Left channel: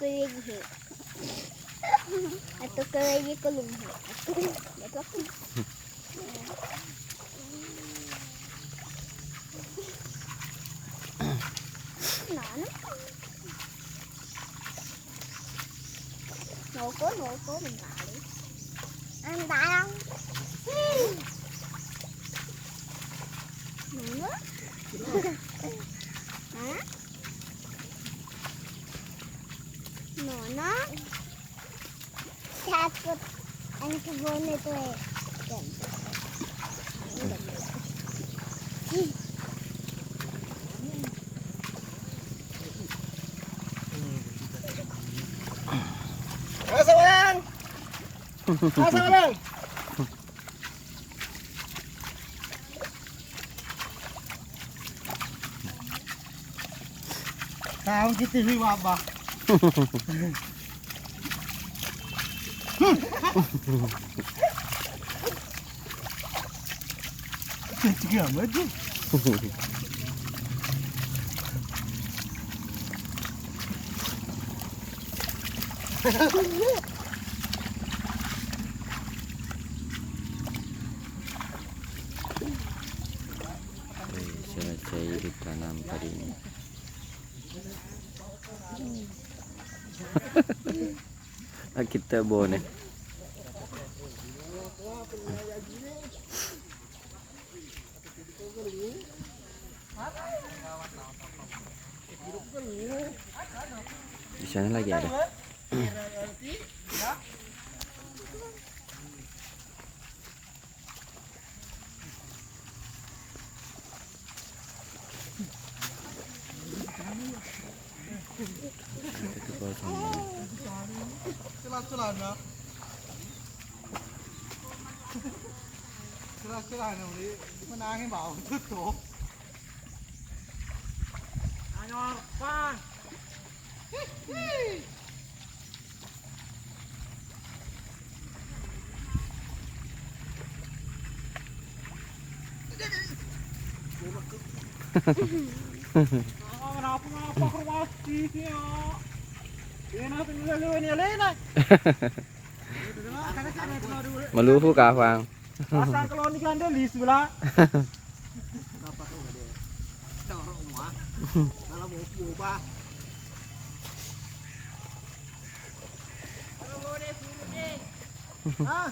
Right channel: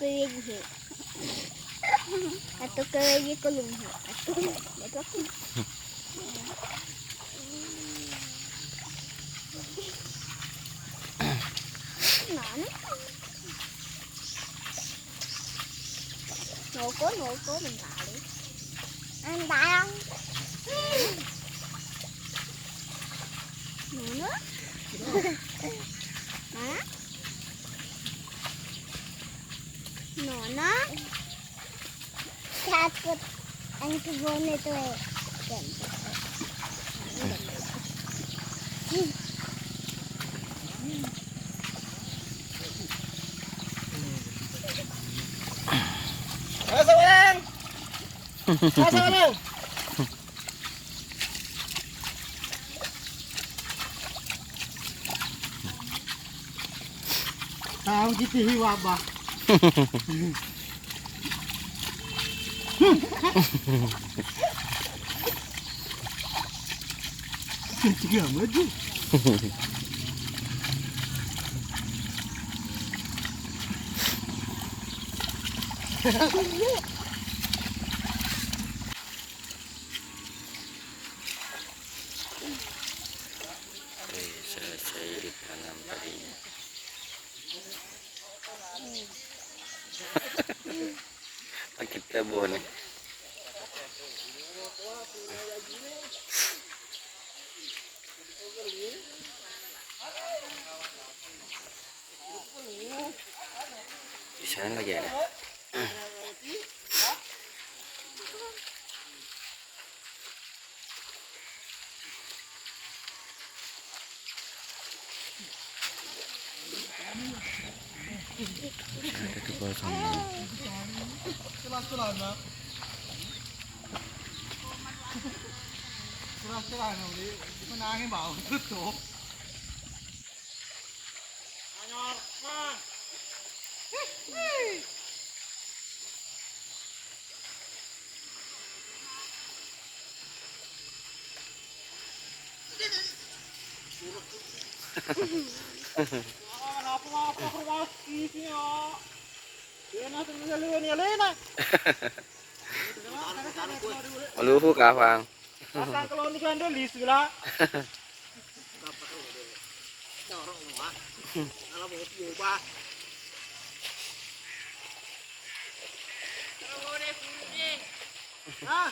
kulihi. Atau kulihi kulunghi. Atau dapat ku. Ngoko mengali. Andang. Mana? Mana? Takut ang kebun itu. Asa walang. Asa walang. Tahu gitu hiwa ba. Tiga maju. Selesai ditanam padinya. Kita boleh. Di sana lagi ada. Ada tuh kosong. Celah-celah nak. Celah-celah ni. Kita nangin bau tu. Anyor, Kang. Apa kerwasnya? Enak tinggal lu ni Lena. Meluhu kafang. Asal kalau ni kan di sebelah. Ah.